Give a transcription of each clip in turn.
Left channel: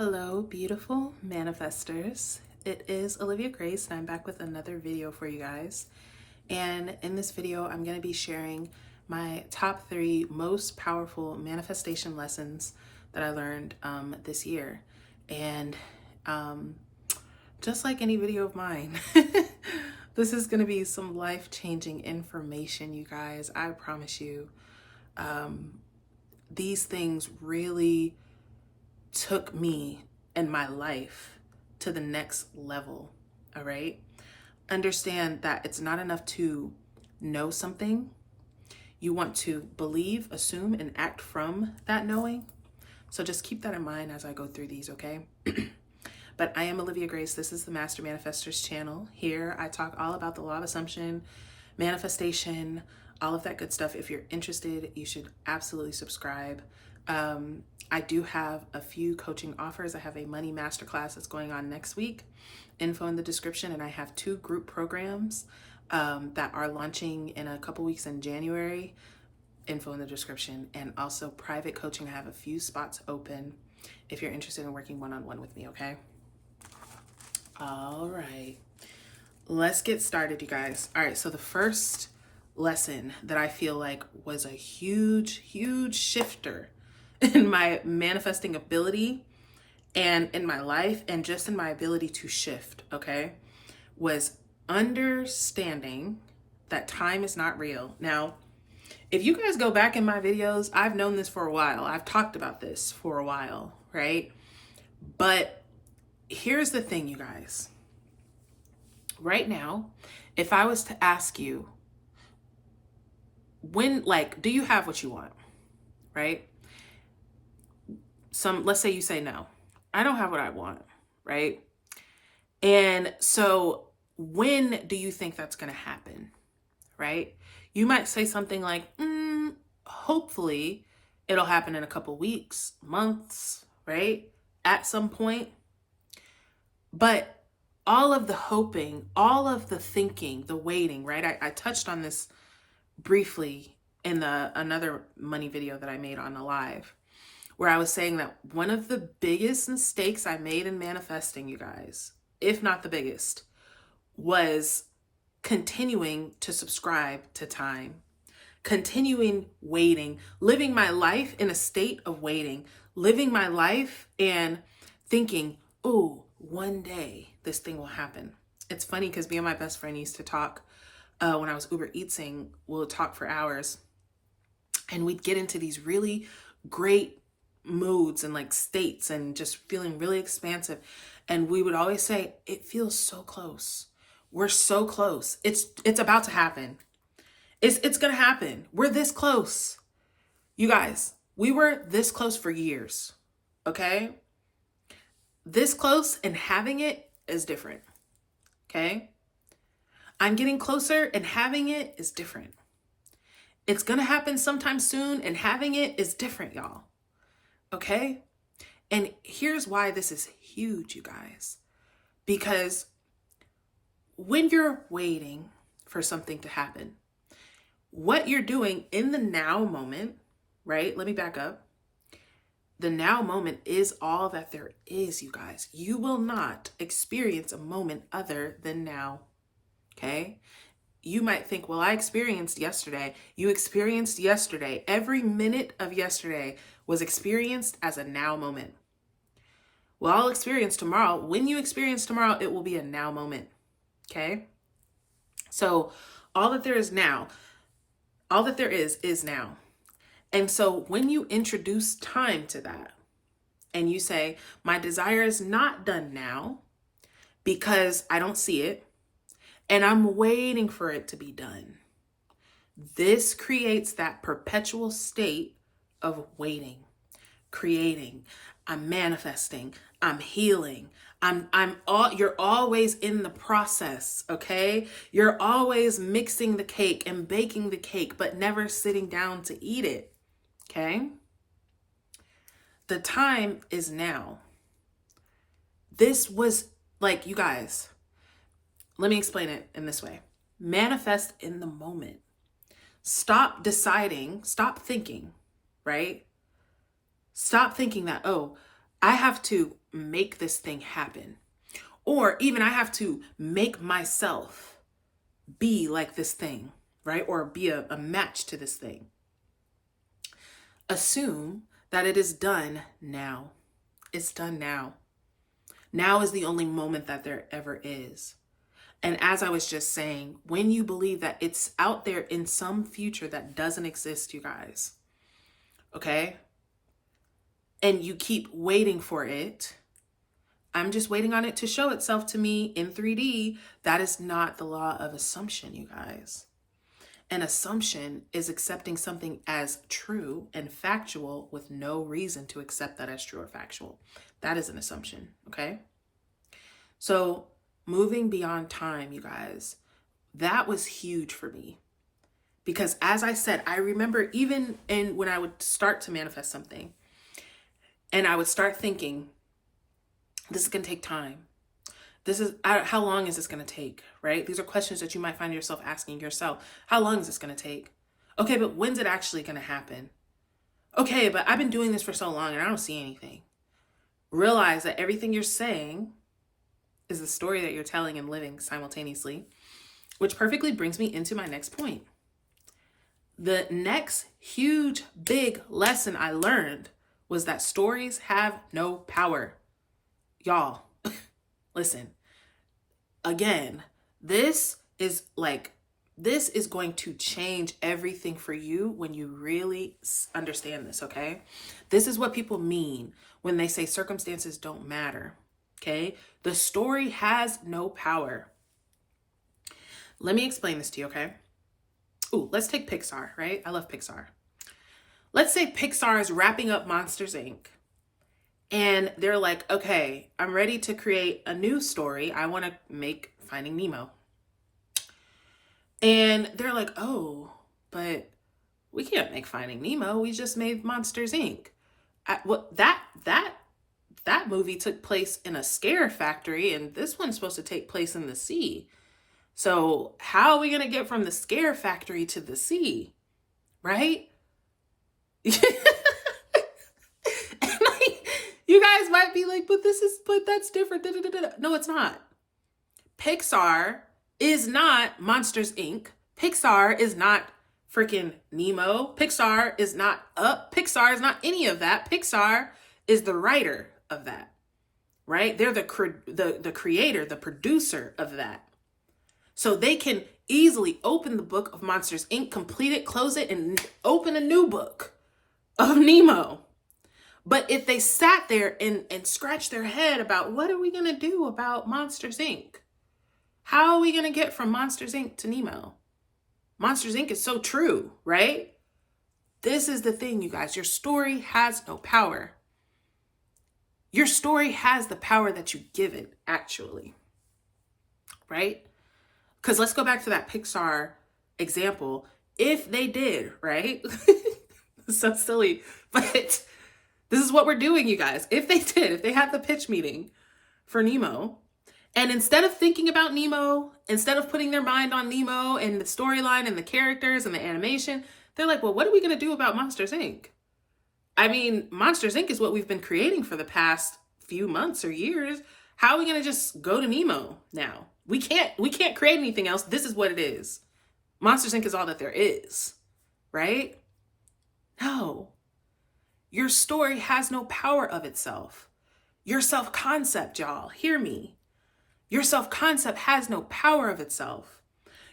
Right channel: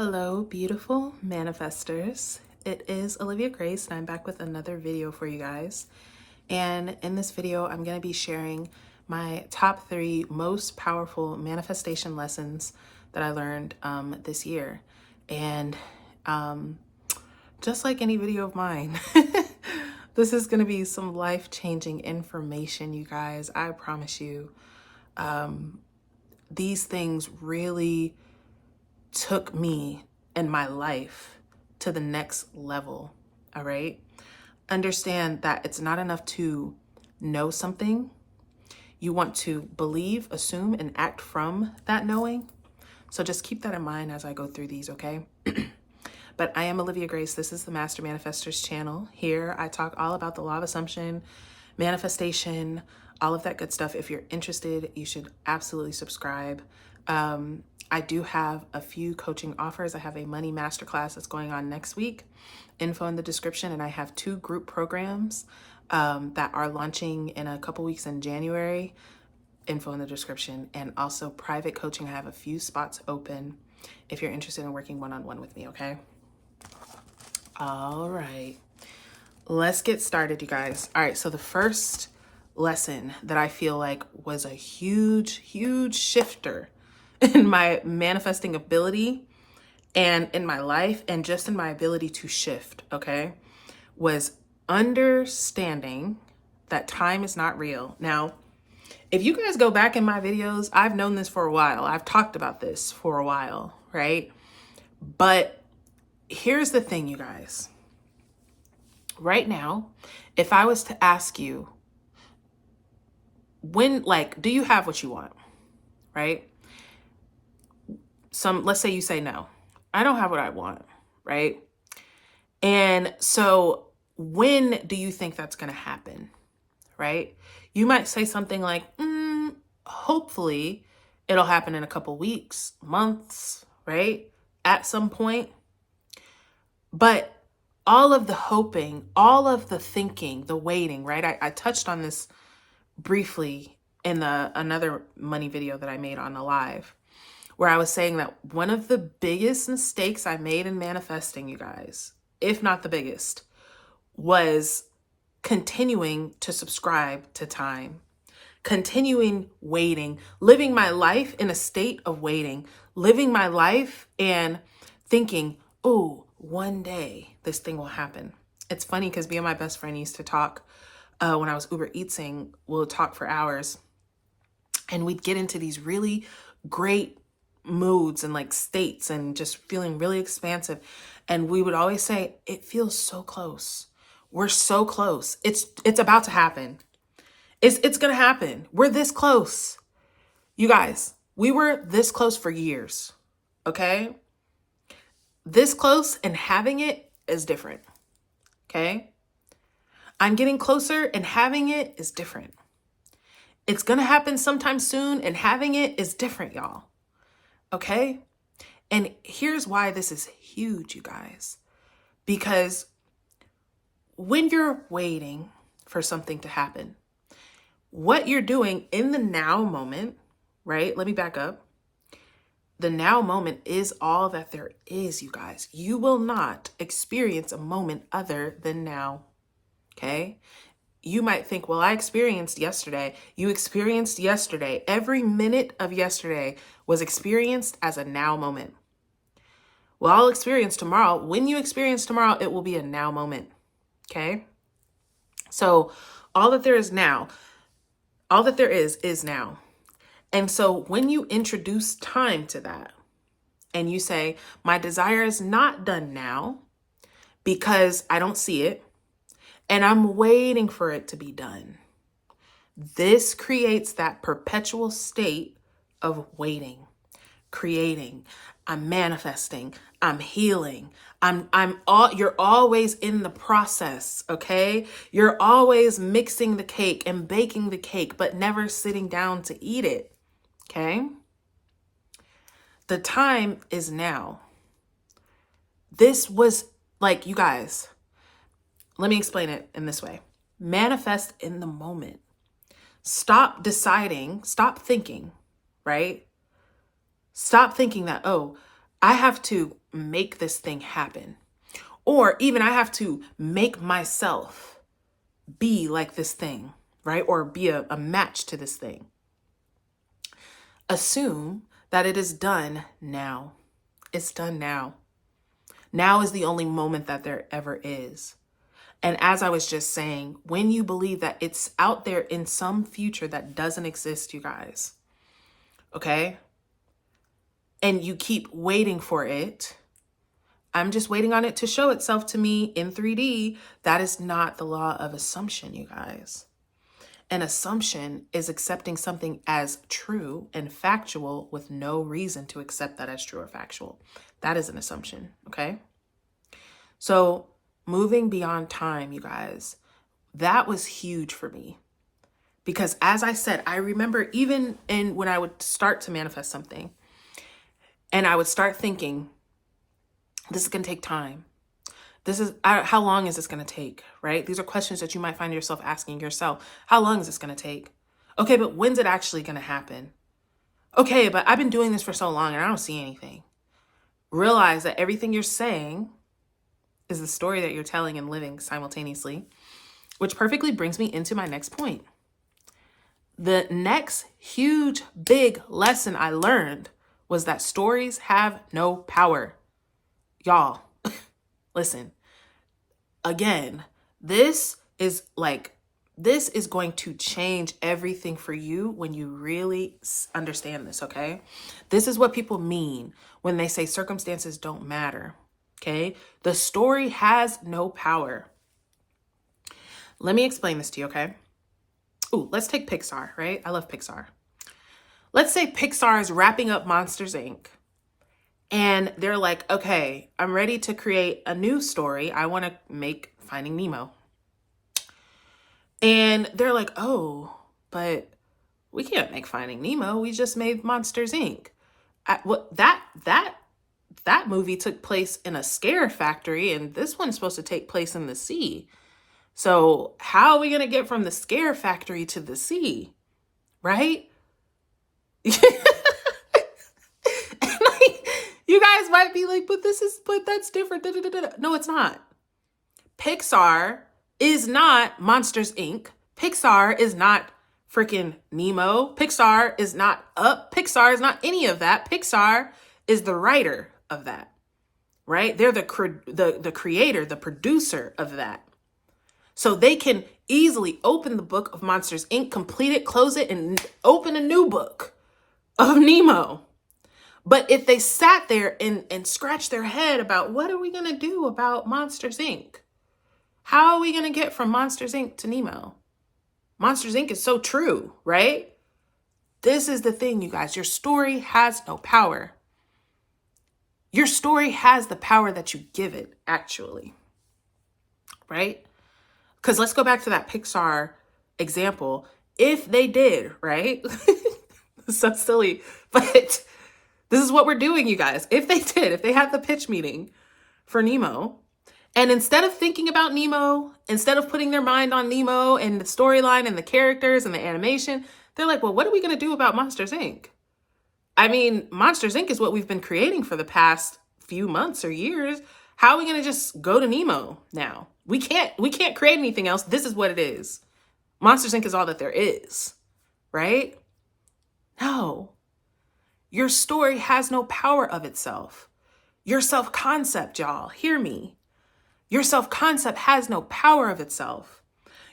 Hello, beautiful manifestors. It is Olivia Grace, and I'm back with another video for you guys. And in this video, I'm going to be sharing my top 3 most powerful manifestation lessons that I learned this year. And just like any video of mine, this is going to be some life-changing information, you guys. I promise you. These things really took me and my life to the next level. All right. Understand that it's not enough to know something. You want to believe, assume, and act from that knowing. So just keep that in mind as I go through these, okay? But I am Olivia Grace. This is the Master Manifestors channel. Here I talk all about the law of assumption, manifestation, all of that good stuff. If you're interested, you should absolutely subscribe. I do have a few coaching offers. I have a money masterclass that's going on next week, info in the description, and I have 2 group programs that are launching in a couple weeks in January, info in the description, and also private coaching. I have a few spots open if you're interested in working one-on-one with me, okay? All right, let's get started, you guys. All right, so the first lesson that I feel like was a huge shifter in my manifesting ability and in my life and just in my ability to shift, okay, was understanding that time is not real. Now, if you guys go back in my videos, I've known this for a while. I've talked about this for a while, right? But here's the thing, you guys. Right now, if I was to ask you, do you have what you want, right? Let's say you say no, I don't have what I want, right? And so when do you think that's going to happen, right? You might say something like, hopefully it'll happen in a couple weeks, months, right? At some point. But all of the hoping, all of the thinking, the waiting, right? I touched on this briefly in another money video that I made on a live, where I was saying that one of the biggest mistakes I made in manifesting, you guys, if not the biggest, was continuing to subscribe to time, continuing waiting, living my life in a state of waiting, living my life and thinking, oh, one day this thing will happen. It's funny because me and my best friend used to talk when I was Uber Eatsing. We'll talk for hours and we'd get into these really great moods and like states and just feeling really expansive. And we would always say, it feels so close. We're so close. It's about to happen. It's going to happen. We're this close. You guys, we were this close for years. Okay. This close and having it is different. Okay. I'm getting closer and having it is different. It's going to happen sometime soon and having it is different, y'all. Okay. And here's why this is huge, you guys, because when you're waiting for something to happen, what you're doing in the now moment, right? Let me back up. The now moment is all that there is, you guys. You will not experience a moment other than now. Okay. You might think, well, I experienced yesterday. You experienced yesterday. Every minute of yesterday was experienced as a now moment. Well, I'll experience tomorrow. When you experience tomorrow, it will be a now moment. Okay. So all that there is now, all that there is now. And so when you introduce time to that and you say, my desire is not done now because I don't see it and I'm waiting for it to be done. This creates that perpetual state of waiting, creating, I'm manifesting, I'm healing, you're always in the process, okay? You're always mixing the cake and baking the cake, but never sitting down to eat it, okay? The time is now. This was like, you guys, let me explain it in this way. Manifest in the moment. Stop deciding, stop thinking, right? Stop thinking that, oh, I have to make this thing happen. Or even I have to make myself be like this thing, right? Or be a match to this thing. Assume that it is done now. It's done now. Now is the only moment that there ever is. And as I was just saying, when you believe that it's out there in some future that doesn't exist, you guys, okay? And you keep waiting for it. I'm just waiting on it to show itself to me in 3D. That is not the law of assumption, you guys. An assumption is accepting something as true and factual with no reason to accept that as true or factual. That is an assumption, okay? So moving beyond time, you guys, that was huge for me. Because as I said, I remember even when I would start to manifest something and I would start thinking, this is going to take time. How long is this going to take, right? These are questions that you might find yourself asking yourself. How long is this going to take? Okay, but when's it actually going to happen? Okay, but I've been doing this for so long and I don't see anything. Realize that everything you're saying is the story that you're telling and living simultaneously, which perfectly brings me into my next point. The next huge, big lesson I learned was that stories have no power. Y'all, listen, again, this is going to change everything for you when you really understand this, okay? This is what people mean when they say circumstances don't matter, okay? The story has no power. Let me explain this to you, okay? Ooh, let's take Pixar, right? I love Pixar. Let's say Pixar is wrapping up Monsters, Inc. And they're like, okay, I'm ready to create a new story. I want to make Finding Nemo. And they're like, oh, but we can't make Finding Nemo. We just made Monsters, Inc. That movie took place in a scare factory, and this one's supposed to take place in the sea. So how are we going to get from the scare factory to the sea? Right? You guys might be like, but that's different. No, it's not. Pixar is not Monsters, Inc. Pixar is not freaking Nemo. Pixar is not Up. Pixar is not any of that. Pixar is the writer of that, right? They're the creator, the producer of that. So they can easily open the book of Monsters, Inc., complete it, close it, and open a new book of Nemo. But if they sat there and scratched their head about what are we going to do about Monsters, Inc.? How are we going to get from Monsters, Inc. to Nemo? Monsters, Inc. is so true, right? This is the thing, you guys. Your story has no power. Your story has the power that you give it, actually, right? Because let's go back to that Pixar example. If they did, right? It's so silly, but this is what we're doing, you guys. If they had the pitch meeting for Nemo, and instead of thinking about Nemo, instead of putting their mind on Nemo and the storyline and the characters and the animation, they're like, well, what are we going to do about Monsters, Inc.? I mean, Monsters, Inc. is what we've been creating for the past few months or years. How are we going to just go to Nemo now? We can't create anything else. This is what it is. Monsters, Inc. is all that there is, right? No. Your story has no power of itself. Your self-concept, y'all, hear me. Your self-concept has no power of itself.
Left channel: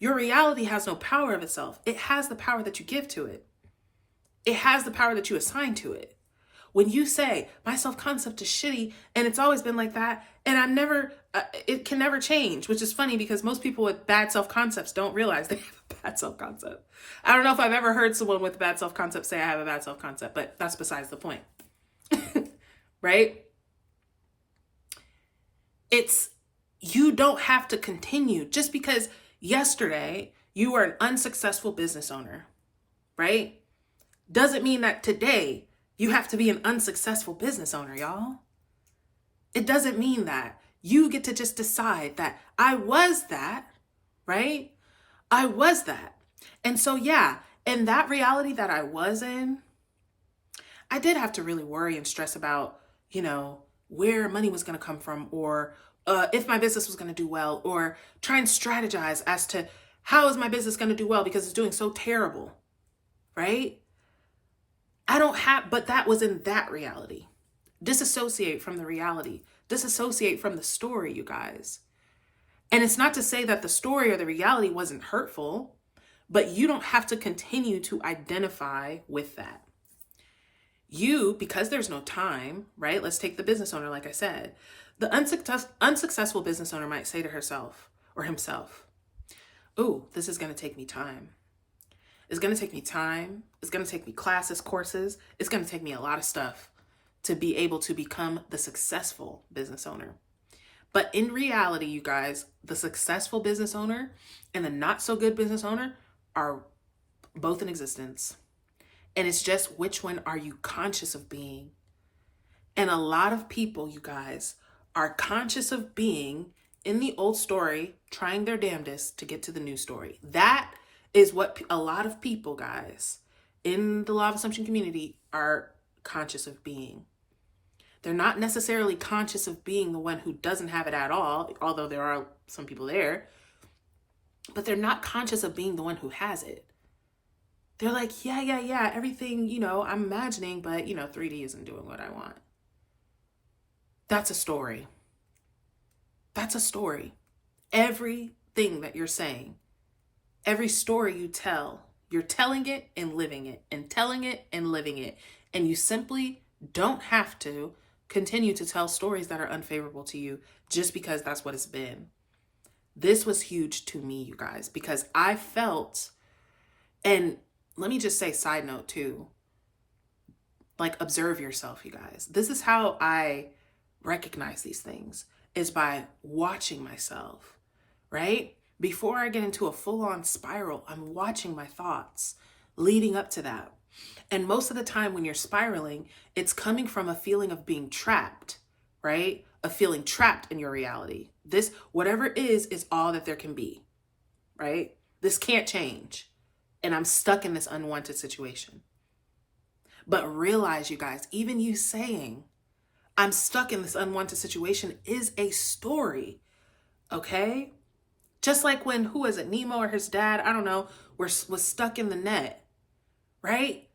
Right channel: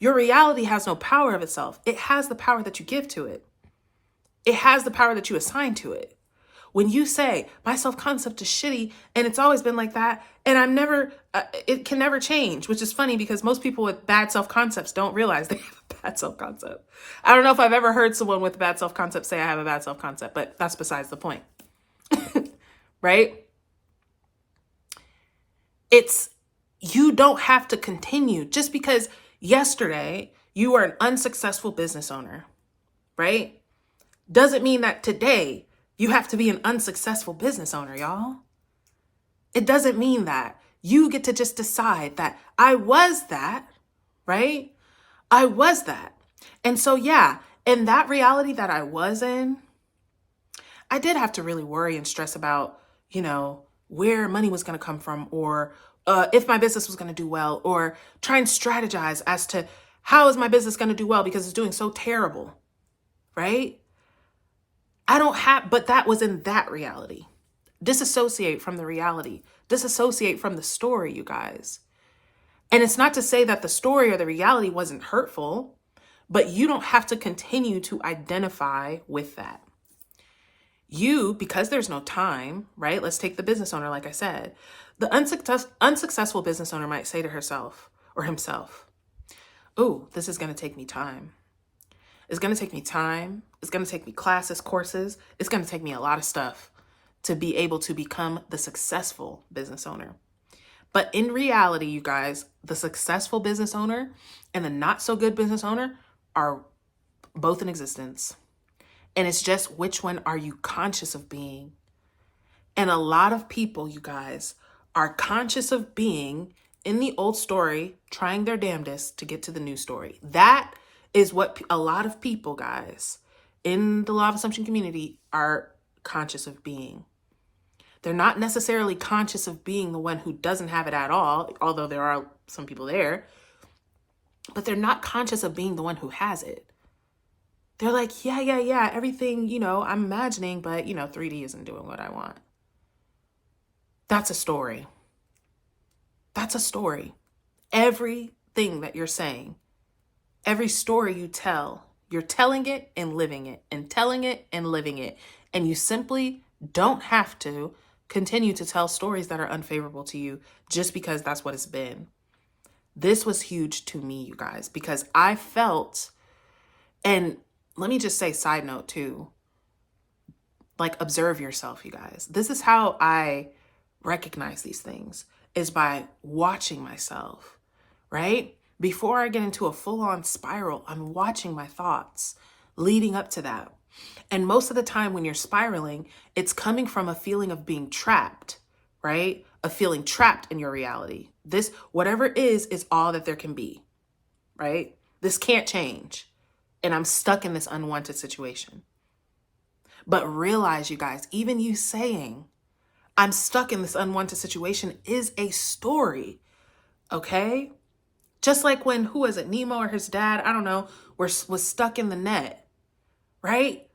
Your reality has no power of itself. It has the power that you give to it. It has the power that you assign to it. When you say, my self-concept is shitty and it's always been like that, and it can never change, which is funny because most people with bad self-concepts don't realize they have a bad self-concept. I don't know if I've ever heard someone with a bad self-concept say I have a bad self-concept, but that's besides the point, right? You don't have to continue just because yesterday you were an unsuccessful business owner, right? Doesn't mean that today you have to be an unsuccessful business owner, y'all. It doesn't mean that. You get to just decide that I was that, right? I was that. And so, yeah, in that reality that I was in, I did have to really worry and stress about, you know, where money was going to come from, or if my business was going to do well, or try and strategize as to how is my business going to do well because it's doing so terrible, right? But that was in that reality. Disassociate from the reality. Disassociate from the story, you guys. And it's not to say that the story or the reality wasn't hurtful, but you don't have to continue to identify with that. Because there's no time, right? Let's take the business owner, like I said. The unsuccessful business owner might say to herself or himself, "Oh, this is going to take me time. It's going to take me time. It's going to take me classes, courses. It's going to take me a lot of stuff to be able to become the successful business owner." But in reality, you guys, the successful business owner and the not so good business owner are both in existence. And it's just, which one are you conscious of being? And a lot of people, you guys, are conscious of being in the old story, trying their damnedest to get to the new story. That is what a lot of people, guys, in the law of assumption community are conscious of being. They're not necessarily conscious of being the one who doesn't have it at all, although there are some people there, but they're not conscious of being the one who has it. They're like, yeah, everything, I'm imagining, but, 3D isn't doing what I want. That's a story. That's a story. Everything that you're saying, every story you tell, you're telling it and living it, and telling it and living it. And you simply don't have to continue to tell stories that are unfavorable to you just because that's what it's been. This was huge to me, you guys, because I felt, and let me just say, side note too, like, observe yourself, you guys. This is how I recognize these things, is by watching myself, right? Before I get into a full-on spiral, I'm watching my thoughts leading up to that. And most of the time when you're spiraling, it's coming from a feeling of being trapped, right? A feeling trapped in your reality. This, whatever is all that there can be, right? This can't change. And I'm stuck in this unwanted situation. But realize, you guys, even you saying, I'm stuck in this unwanted situation is a story, okay? Just like when, who is it, Nemo or his dad, I don't know, was stuck in the net, right?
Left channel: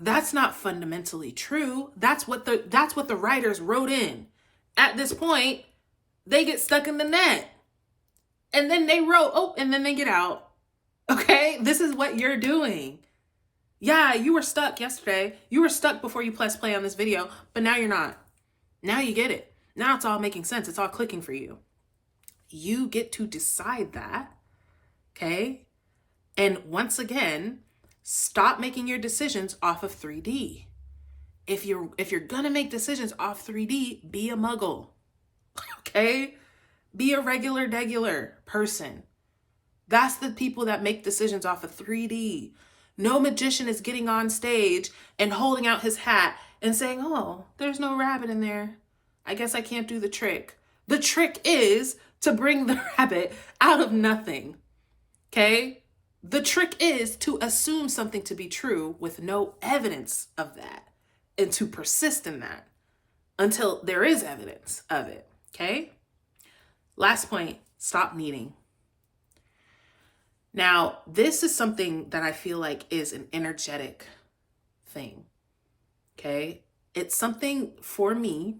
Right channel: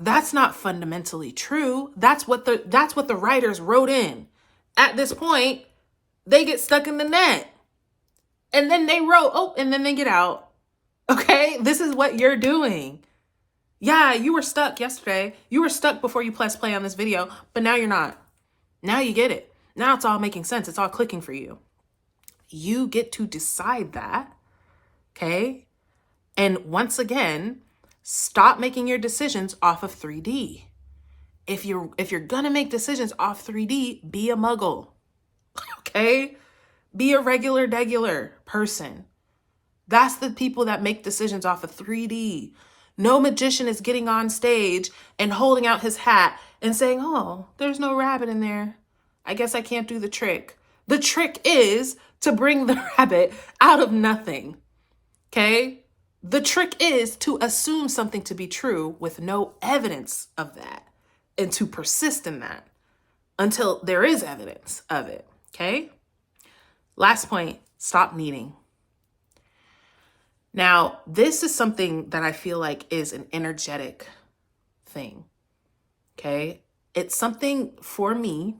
That's not fundamentally true. That's what the writers wrote in. At this point, they get stuck in the net. And then they wrote, and then they get out. Okay? This is what you're doing. Yeah, you were stuck yesterday. You were stuck before you pressed play on this video, but now you're not. Now you get it. Now it's all making sense. It's all clicking for you. You get to decide that. Okay? And once again, stop making your decisions off of 3D. If you're gonna make decisions off 3D, be a muggle. Okay? Be a regular person. That's the people that make decisions off of 3D. No magician is getting on stage and holding out his hat and saying, "Oh, there's no rabbit in there. I guess I can't do the trick." The trick is to bring the rabbit out of nothing. Okay? The trick is to assume something to be true with no evidence of that, and to persist in that until there is evidence of it. Okay? Last point, stop needing. Now, this is something that I feel like is an energetic thing. Okay? It's something for me,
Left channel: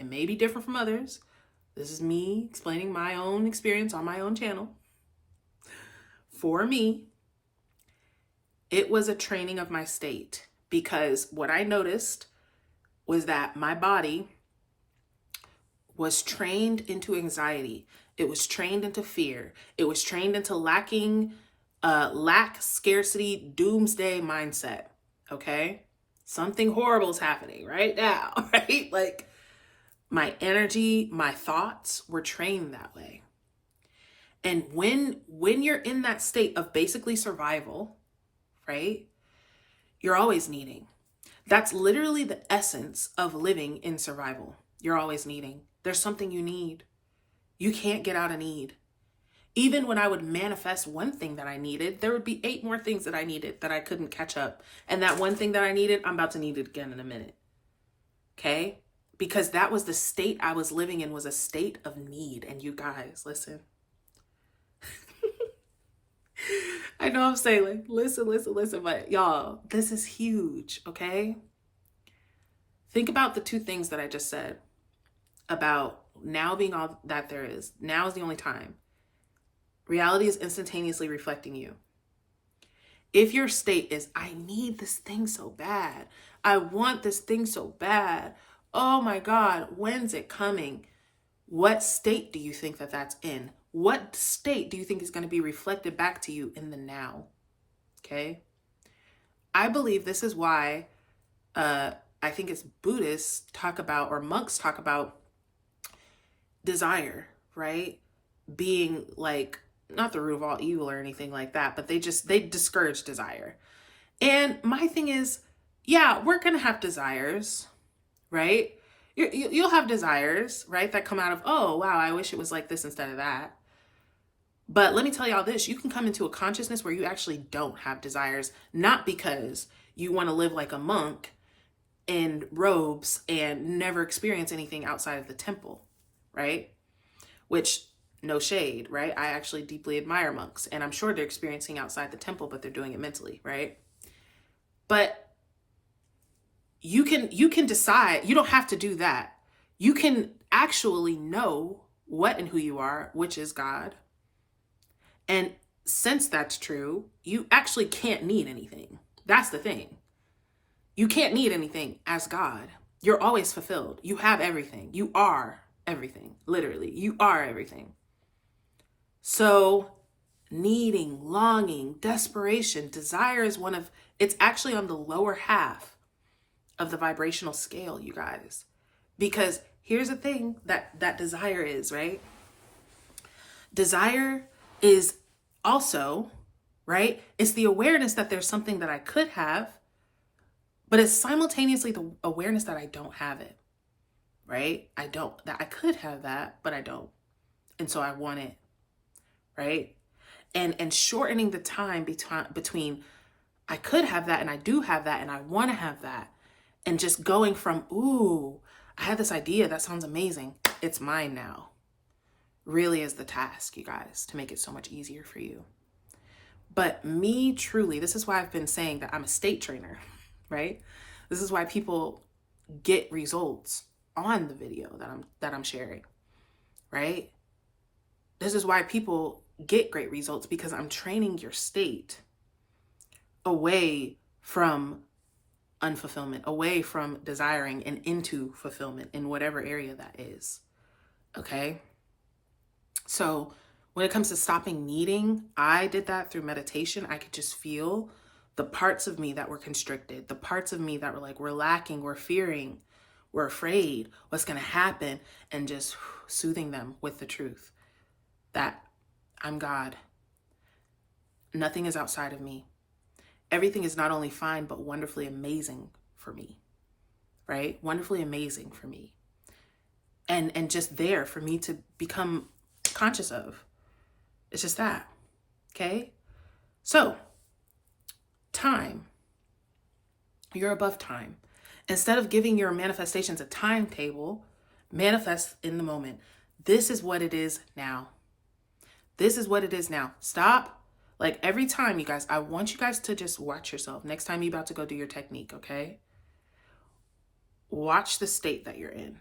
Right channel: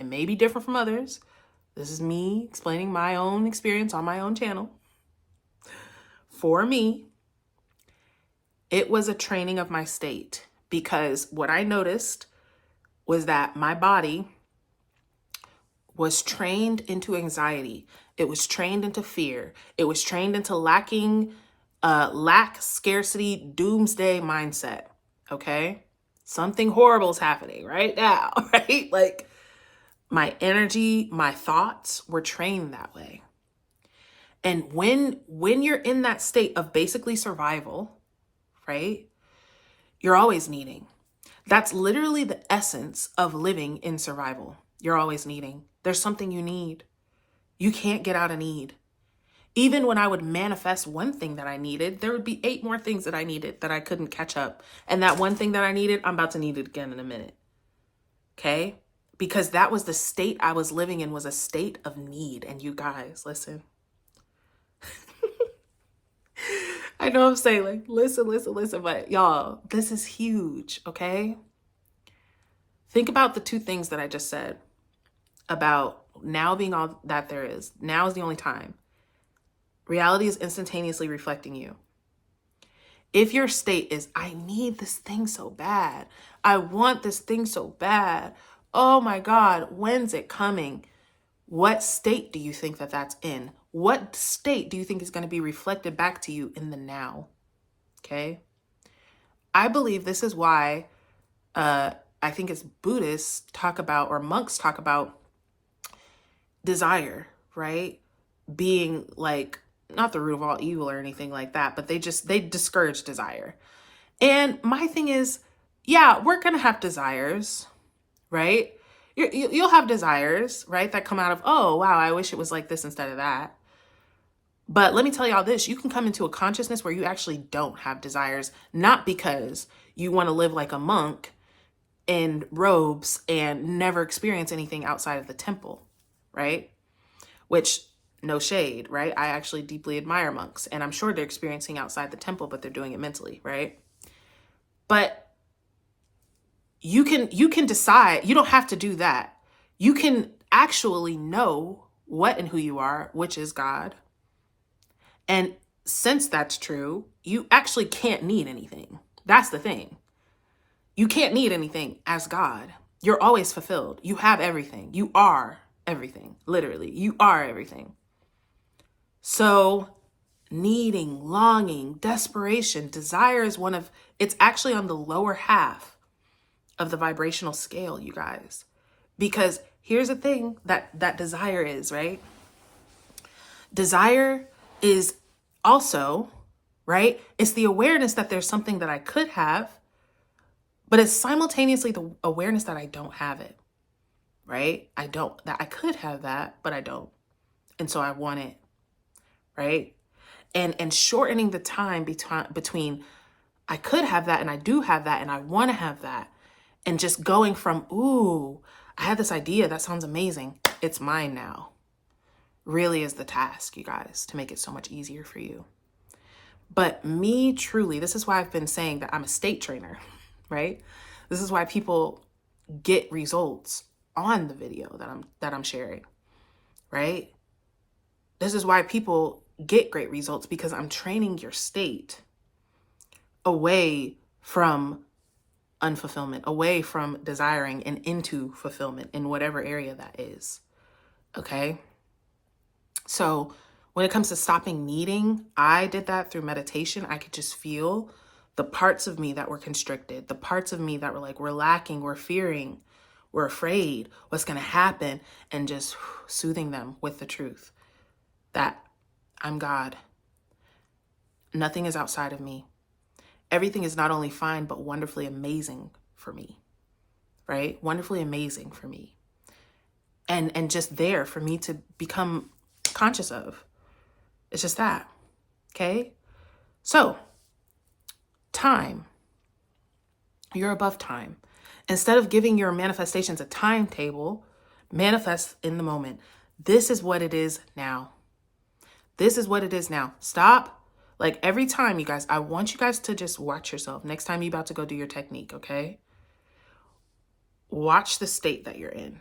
it may be different from others. This is me explaining my own experience on my own channel. For me, it was a training of my state, because what I noticed was that my body was trained into anxiety. It was trained into fear. It was trained into lack, scarcity, doomsday mindset. Okay? Something horrible is happening right now, right? Like, my energy, my thoughts were trained that way. And when you're in that state of basically survival, right, you're always needing. That's literally the essence of living in survival. You're always needing. There's something you need. You can't get out of need. Even when I would manifest one thing that I needed, there would be 8 more things that I needed that I couldn't catch up. And that one thing that I needed, I'm about to need it again in a minute. Okay? Because that was the state I was living in, was a state of need. And you guys, listen. I know I'm saying like, listen, but y'all, this is huge, okay? Think about the two things that I just said about now being all that there is. Now is the only time. Reality is instantaneously reflecting you. If your state is, I need this thing so bad. I want this thing so bad. Oh my God, when's it coming? What state do you think that that's in? What state do you think is going to be reflected back to you in the now? Okay. I believe this is why I think it's Buddhists talk about, or monks talk about desire, right? Being like, not the root of all evil or anything like that, but they discourage desire. And my thing is, yeah, we're going to have desires, right? You'll have desires, right? That come out of, oh, wow, I wish it was like this instead of that. But let me tell y'all this, you can come into a consciousness where you actually don't have desires, not because you want to live like a monk in robes and never experience anything outside of the temple, right? Which, no shade, right? I actually deeply admire monks, and I'm sure they're experiencing outside the temple, but they're doing it mentally, right? But you can decide, you don't have to do that. You can actually know what and who you are, which is God. And since that's true, you actually can't need anything. That's the thing. You can't need anything as God. You're always fulfilled. You have everything. You are everything. Literally, you are everything. So needing, longing, desperation, desire is it's actually on the lower half of the vibrational scale, you guys. Because here's the thing that desire is, right? Desire is also, right? It's the awareness that there's something that I could have, but it's simultaneously the awareness that I don't have it, right? That I could have that, but I don't. And so I want it, right? And shortening the time between I could have that and I do have that and I want to have that. And just going from, ooh, I had this idea, that sounds amazing, it's mine now, really is the task, you guys, to make it so much easier for you. But me, truly, this is why I've been saying that I'm a state trainer, right? This is why people get results on the video that I'm sharing, right? This is why people get great results, because I'm training your state away from unfulfillment, away from desiring, and into fulfillment in whatever area that is. Okay. So when it comes to stopping needing, I did that through meditation. I could just feel the parts of me that were constricted, the parts of me that were like, we're lacking, we're fearing, we're afraid, what's going to happen, and just soothing them with the truth that I'm God. Nothing is outside of me. Everything is not only fine, but wonderfully amazing for me, right? Wonderfully amazing for me. And just there for me to become conscious of. It's just that, okay? So, time. You're above time. Instead of giving your manifestations a timetable, manifest in the moment. This is what it is now. This is what it is now. Stop. Like every time, you guys, I want you guys to just watch yourself. Next time you're about to go do your technique, okay? Watch the state that you're in.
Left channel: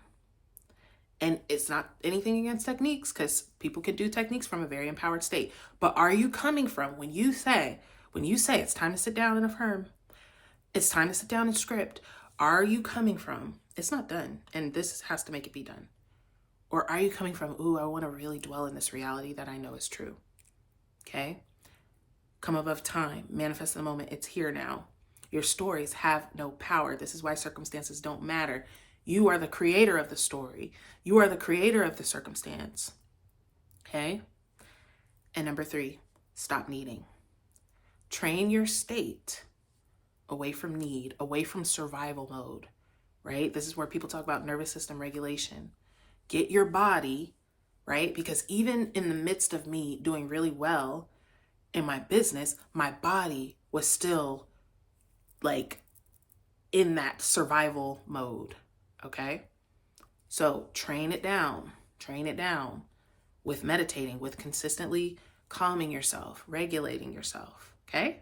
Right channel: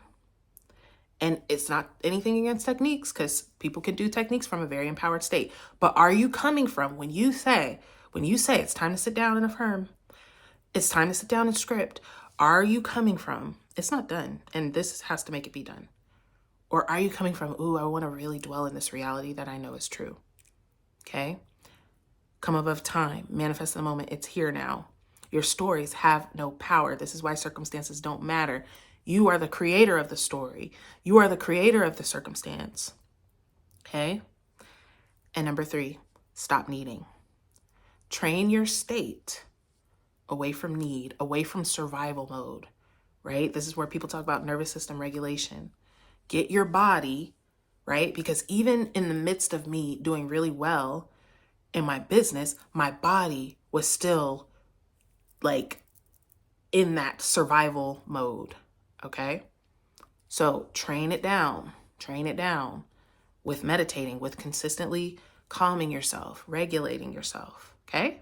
And it's not anything against techniques, because people can do techniques from a very empowered state. But are you coming from, when you say it's time to sit down and affirm, it's time to sit down and script, are you coming from, it's not done, and this has to make it be done? Or are you coming from, ooh, I want to really dwell in this reality that I know is true, okay? Come above time, manifest the moment. It's here now. Your stories have no power. This is why circumstances don't matter. You are the creator of the story. You are the creator of the circumstance. Okay? And number 3, stop needing. Train your state away from need, away from survival mode, right? This is where people talk about nervous system regulation. Get your body, right? Because even in the midst of me doing really well in my business, my body was still like in that survival mode. okay? So train it down with meditating, with consistently calming yourself, regulating yourself, okay?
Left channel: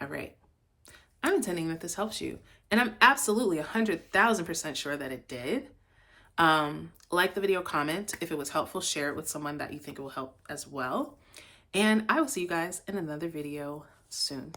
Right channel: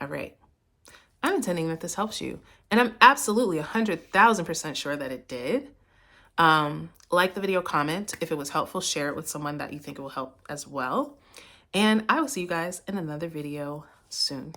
All right. I'm intending that this helps you. And I'm absolutely 100,000% sure that it did. Like the video, comment. If it was helpful, share it with someone that you think it will help as well. And I will see you guys in another video soon.